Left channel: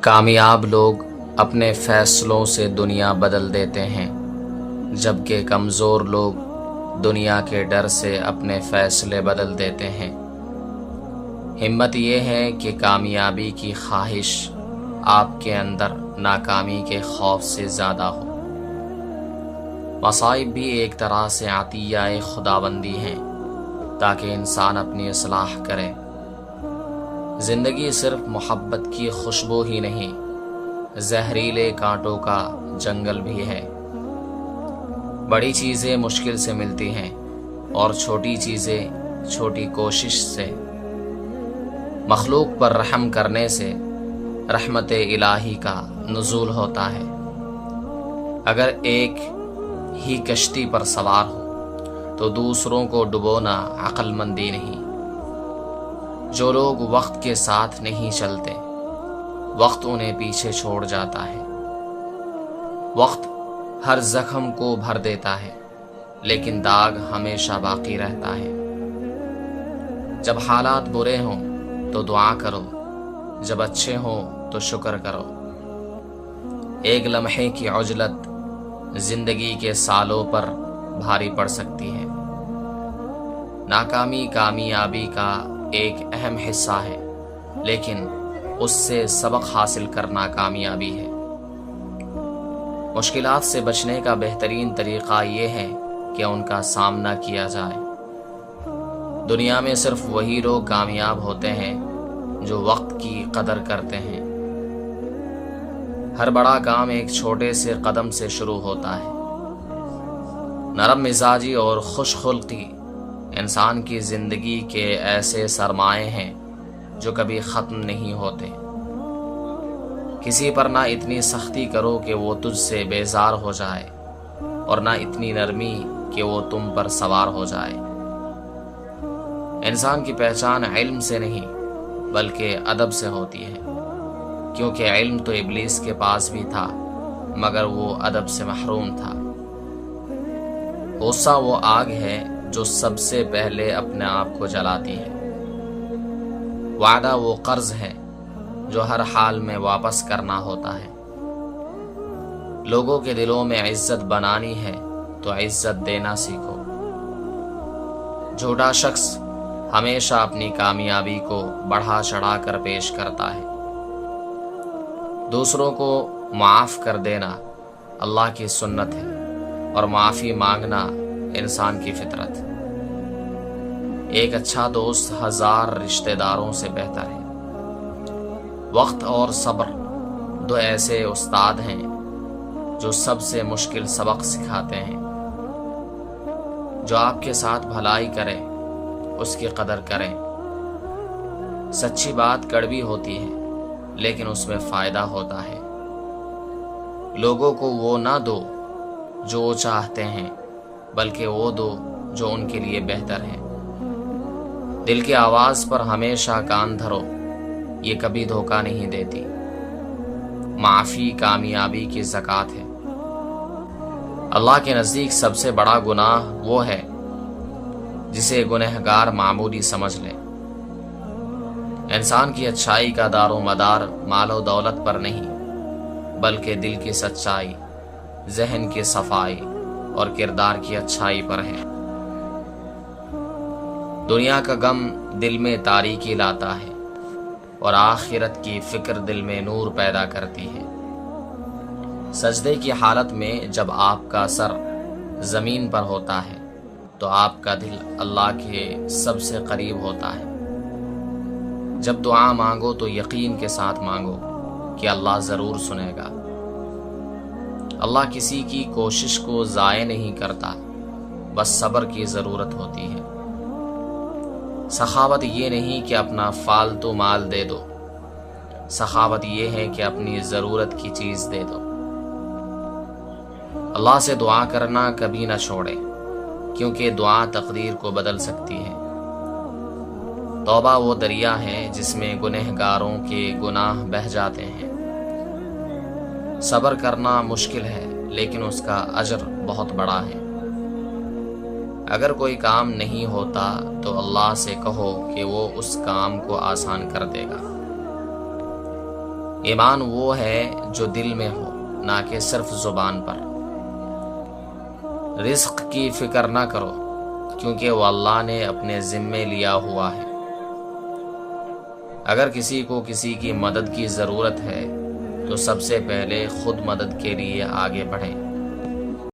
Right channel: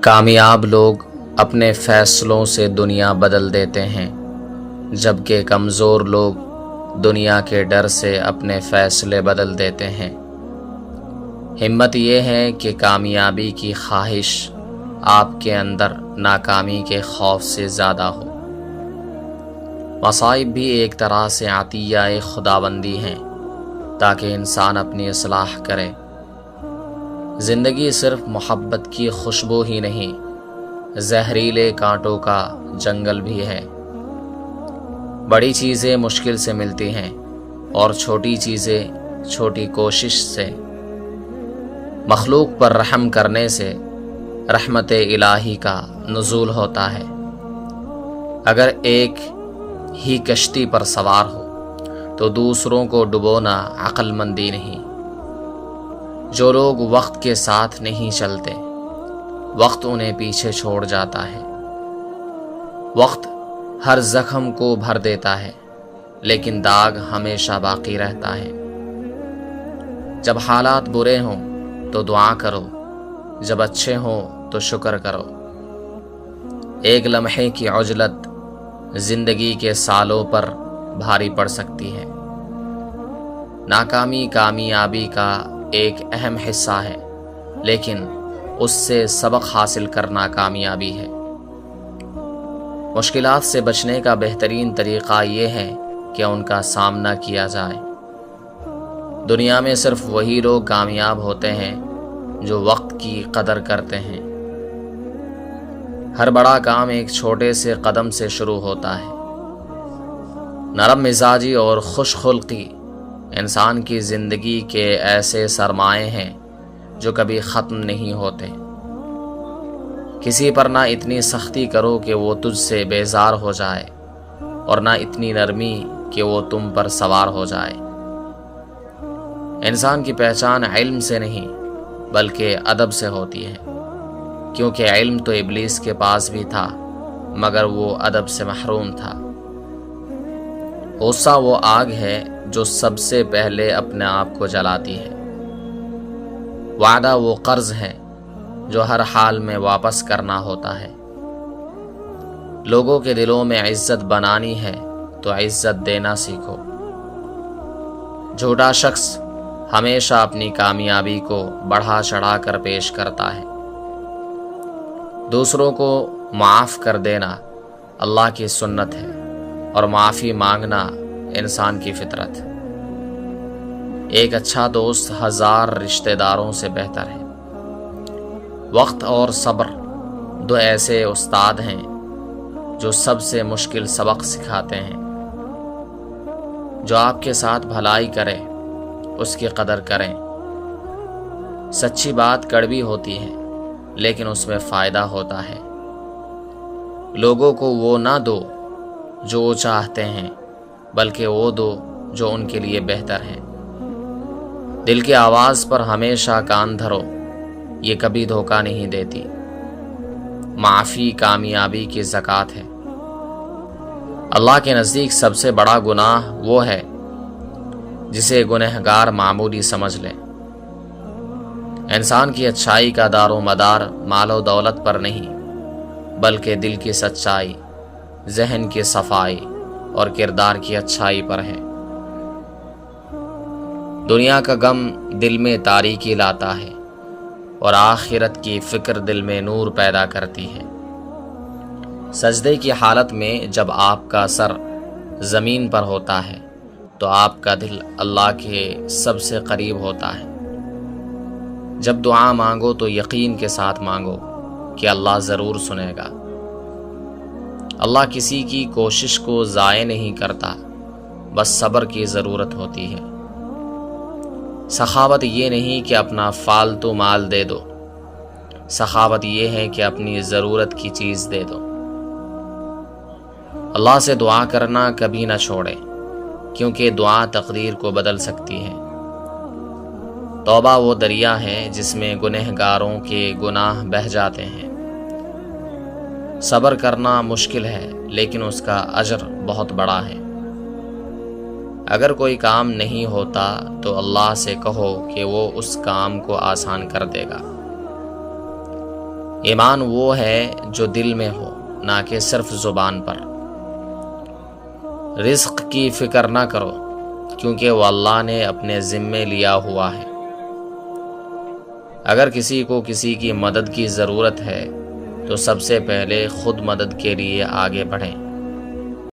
کامیاب لوگ اپنے فیصلوں سے دنیا بدل دیتے ہیں، جبکہ کمزور لوگ دنیا کے ڈر سے اپنے فیصلے بدل دیتے ہیں۔ ہمت یہ ہے کہ کامیابی کی خواہش آپ کے اندر ناکامی کے خوف سے زیادہ ہو۔ مصائب بھی ایک طرح سے عطیہ خداوندی ہیں تاکہ انسان اپنی اصلاح کرے۔ زندگی صرف محبت کی خوشبو ہی نہیں، زہریلے کانٹوں کا جنگل بھی ہے۔ بڑی چیزیں مشکل سے ملتی ہیں اور چھوٹی چیزیں چھوٹی کوشش سے۔ مخلوق پر رحم کرنے سے رحمت الہی کا نزول ہوتا ہے۔ اگر ایک ہی کشتی پر سوار ہو تو دوسروں کو ڈبونا عقل مندی نہیں۔ جو لوگ وقت کے ساتھ نہیں چلتے، وقت انہیں پیچھے چھوڑ جاتا ہے۔ وقت ہر زخم کو بھر دیتا ہے، لیکن داغ ہمیشہ باقی رہتا ہے۔ جب حالات برے ہوں تو دعا کرو، جب اچھے ہوں تو شکر کرو۔ ایک لمحے کی عجلت زندگی کے سالوں پر بھاری پڑ سکتی ہے۔ ناکامی کامیابی کا ایک اہم حصہ ہے، لیکن اس سے سبق حاصل کرنا کامیابی ہے۔ مشکلات سے بچنے کا بہترین طریقہ یہ ہے کہ ان کا سامنا کیا جائے۔ دنیا میں صرف وہی لوگ کامیاب ہوتے ہیں جو وقت کی قدر کرتے ہیں۔ ہر بڑا کام ایک چھوٹے سے قدم سے شروع ہوتا ہے۔ نرم مزاجی اور خوش خلقی انسان کی زندگی کے ایسے سرمائے ہیں جو کبھی ختم نہیں ہوتے۔ کسی پر نہ اتنی سختی کرو کہ وہ تجھ سے بیزار ہو جائے، اور نہ اتنی نرمی کہ وہ تم پر سوار ہو جائے۔ انسان کی پہچان علم سے نہیں بلکہ ادب سے ہوتی ہے، کیونکہ علم تو ابلیس کے پاس بھی تھا مگر وہ ادب سے محروم تھا۔ غصہ وہ آگ ہے جو سب سے پہلے اپنے آپ کو جلاتی ہے۔ وعدہ وہ قرض ہے جو ہر حال میں واپس کرنا ہوتا ہے۔ لوگوں کے دلوں میں عزت بنانی ہے تو عزت دینا سیکھو۔ جھوٹا شخص ہمیشہ اپنی کامیابی کو بڑھا چڑھا کر پیش کرتا ہے۔ دوسروں کو معاف کر دینا اللہ کی سنت ہے، اور معافی مانگنا انسان کی فطرت۔ ایک اچھا دوست 1000 رشتہ داروں سے بہتر ہے۔ وقت اور صبر دو ایسے استاد ہیں جو سب سے مشکل سبق سکھاتے ہیں۔ جو آپ کے ساتھ بھلائی کرے اس کی قدر کریں۔ سچی بات کڑوی ہوتی ہے لیکن اس میں فائدہ ہوتا ہے۔ لوگوں کو وہ نہ دو جو وہ چاہتے ہیں، بلکہ وہ دو جو ان کے لیے بہتر ہے۔ دل کی آواز پر ہمیشہ کان دھرو، یہ کبھی دھوکہ نہیں دیتی۔ معافی کامیابی کی زکوٰۃ ہے۔ اللہ کے نزدیک سب سے بڑا گناہ وہ ہے جسے گنہگار معمولی سمجھ لے۔ انسان کی اچھائی کا دار و مدار مال و دولت پر نہیں بلکہ دل کی سچائی، ذہن کی صفائی اور کردار کی اچھائی پر ہے۔ دنیا کا غم دل میں تاریکی لاتا ہے اور آخرت کی فکر دل میں نور پیدا کرتی ہے۔ سجدے کی حالت میں جب آپ کا سر زمین پر ہوتا ہے تو آپ کا دل اللہ کے سب سے قریب ہوتا ہے۔ جب دعا مانگو تو یقین کے ساتھ مانگو کہ اللہ ضرور سنے گا۔ اللہ کسی کی کوشش کو ضائع نہیں کرتا، بس صبر کی ضرورت ہوتی ہے۔ سخاوت یہ نہیں کہ اپنا فالتو مال دے دو، سخاوت یہ ہے کہ اپنی ضرورت کی چیز دے دو۔ اللہ سے دعا کرنا کبھی نہ چھوڑے، کیونکہ دعا تقدیر کو بدل سکتی ہے۔ توبہ وہ دریا ہے جس میں گنہگاروں کے گناہ بہہ جاتے ہیں۔ صبر کرنا مشکل ہے لیکن اس کا اجر بہت بڑا ہے۔ اگر کوئی کام نہیں ہوتا تو اللہ سے کہو کہ وہ اس کام کو آسان کر دے گا۔ ایمان وہ ہے جو دل میں ہو، نہ کہ صرف زبان پر۔ رزق کی فکر نہ کرو، کیونکہ وہ اللہ نے اپنے ذمے لیا ہوا ہے۔ اگر کسی کو کسی کی مدد کی ضرورت ہے تو سب سے پہلے خود مدد کے لیے آگے بڑھیں۔